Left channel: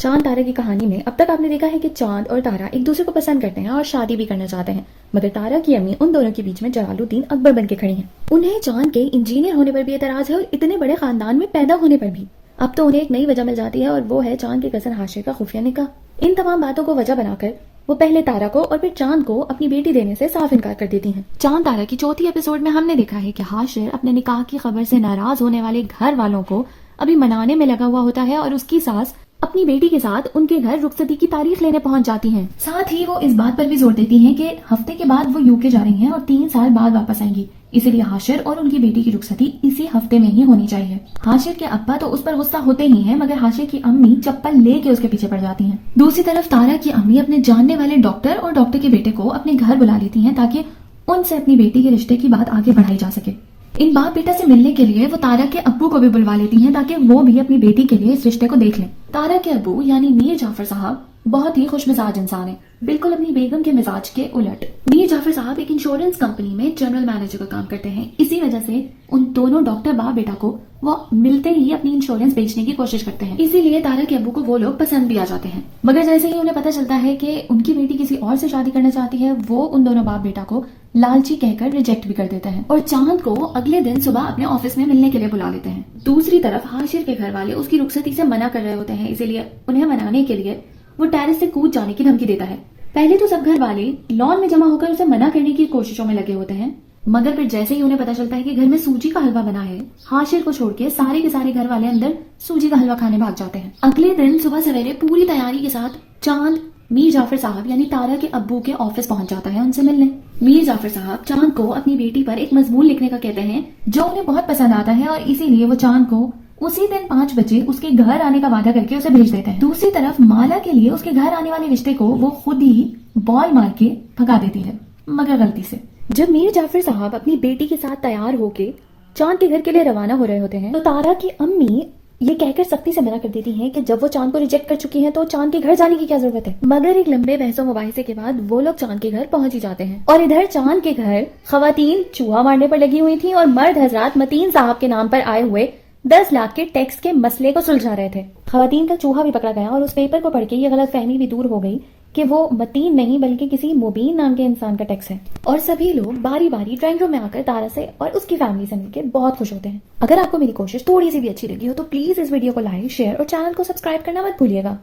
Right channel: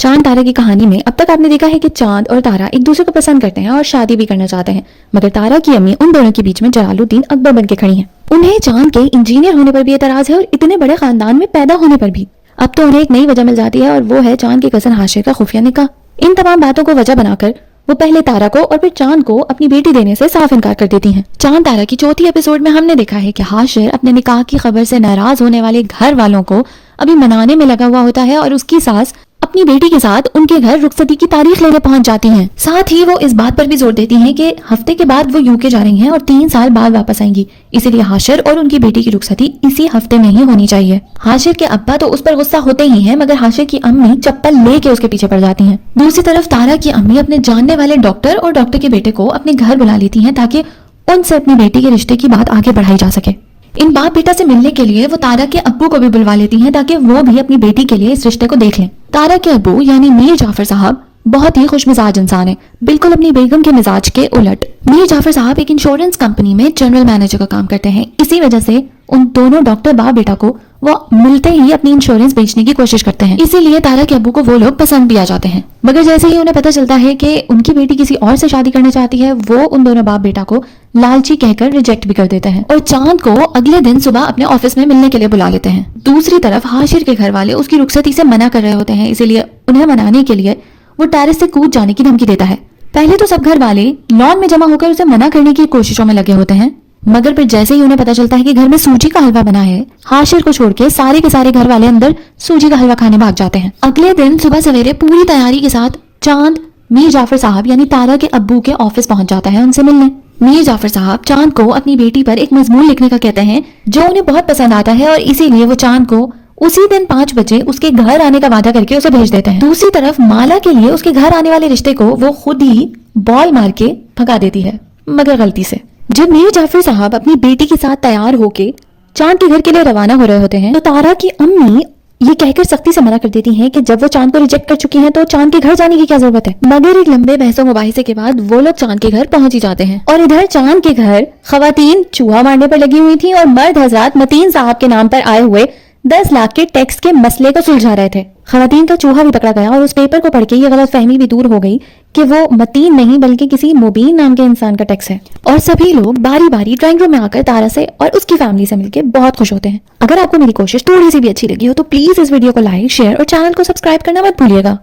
चांद तारा की कहानी में अब तक आपने देखा है कि चांद और तारा एक दूसरे को पसंद करते हैं और शादी भी करना चाहते हैं, मगर तारा की अम्मी उन दोनों के बीच में जलालुद्दीन अकबर बन के खड़ी हैं। उन्हें चांद के इंजीनियर होने पर भी एतराज है और इतने बड़े खानदान में पैदा होने पर भी। अब तो उन्हें एक नई वजह मिल जाती है और वो है चांद के कजन हाशिर का खुफिया निकाह। इन तमाम बातों को वजह बनाकर वो पहले तारा को और फिर चांद को अपनी बेटी देने से साफ इनकार कर देती हैं। चांद तारा की चौथी एपिसोड में हमने देखा है कि हाशिर अपने निकाह की खबर से नाराज होने वाले घर वालों को अभी मनाने में लगा हुआ होता है और उसकी सास अपनी बेटी के साथ उनके घर रुखसती की तारीख लेने पहुंच जाती हैं। साथ ही वो इस बात पर भी जोर देती हैं कि हफ्ते के बाद वो यूके जा रही हैं और 3 साल बाद वापस आएंगी, इसीलिए हाशिर और उनकी बेटी की रुखसती इसी हफ्ते में ही होनी चाहिए। हाशिर के अब्बा तो उस पर गुस्सा होते ही हैं, मगर हाशिर की अम्मी चप्पल लेके उसके पीछे पड़ जाती हैं। दूसरी तरफ तारा की अम्मी अपने जानने वाले डॉक्टर और डॉक्टर के बेटे को अपने घर बुला लेती हैं ताकि उनसे अपनी बेटी के रिश्ते की बात आगे बढ़ाई जा सके। इन बाप बेटा से मिलने के लिए वो तारा के अब्बू को भी बुलवा लेती हैं ताकि वो भी अपनी बेटी के लिए इस रिश्ते को देख लें। तारा के अब्बू यानी मीर जाफर साहब बहुत ही खुशमिजाज इंसान है, बिल्कुल अपनी बेगम के मिजाज के उलट। मीर जाफर साहब एक इंश्योरेंस कंपनी में जनरल मैनेजर का काम करते हैं। इसी वजह से उन दोनों डॉक्टर बाप बेटा को वो मिलते ही अपनी इंश्योरेंस बेचने की कोशिश करते हैं, इसीलिए तारा के अब्बू को वो लोग पसंद भी आ जाते हैं। मगर जैसे ही उन्हें पता चलता है कि उनकी बेटी किसी और से शादी करना चाहती है, वो उन दोनों बाप बेटा को लालची कहकर रिजेक्ट भी कर देते हैं और चांद को अगले दिन सुबह अपने ऑफिस में मिलने के लिए बुला लेते हैं। दूसरी तरफ हाशिर के घर वाले उसकी रुखसती से मना कर रहे होते हैं, इसीलिए उन्हें मनाने के लिए वो टेरेस से कूद जाने की धमकी देता है। पहले तो सब घर वाले लॉन में जमा होकर उसे मना करने की कोशिशों में लगे होते हैं, मगर फिर जैसे ही उन्हें पता चलता है कि घर में सूजी का हलवा बना है, हाशिर को छोड़ के सारे घर वाले अंदर सूजी का हलवा खाने भाग जाते हैं। अगले दिन सुबह सवेरे पूरी तैयारी के साथ चांद मीर जाफर साहब यानी तारा के अब्बू के ऑफिस पहुंच जाता है उनसे मिलने। मीर जाफर साहब चांद को अपनी बेटी पर एक मजमून लिखने का कहते हैं जो उन्हें बहुत पसंद आता है और इसीलिए वो चांद को उसी दिन 5 बजे उसके घर आने का वादा करके उसे भेज देते हैं। दूसरी तरफ माला के लिए उसके घर आने वाले रिश्ते को वो खुद ही बॉल मार के भगा देती है, मगर गलती से। जब मीर जाफर साहब अपनी बेटी के साथ तैयार होके चांद के घर के लिए रवाना हो रहे होते हैं तो तारा की अम्मी ये कहकर सख्ती से मना कर देती हैं कि जब वो चांद को रिजेक्ट कर चुकी हैं तो चांद के घर जाने की क्या जरूरत है। मगर एक लंबे बहसों मुबाहिसे के बाद वो लोग चांद के घर पहुंच ही जाते हैं और इधर चांद के घर खवातीन चूहा मारने पर लगी हुई थी और मर्द हजरात मतीन साहब के नाम पर आए हुए 10 लाख के टैक्स के मसले को सुलझा रहे थे। खवातीन का चूहा भी पकड़ा गया और उस पेपर को पढ़ के ये गलतफहमी भी दूर हो गई कि वो मतीन नहीं बल्कि किसी मुबीन नाम के इंसान का टैक्स है। और सभी लोग बारी बारी ड्राइंग रूम में आकर तारा से और उसकी फैमिली से मिलकर बहुत खुश होते हैं। अगर आपको मेरी कोशिश थोड़ी सी भी अच्छी लगी हो तो प्लीज इस वीडियो को लाइक, शेयर और चैनल को सब्सक्राइब करना मत भूलिएगा।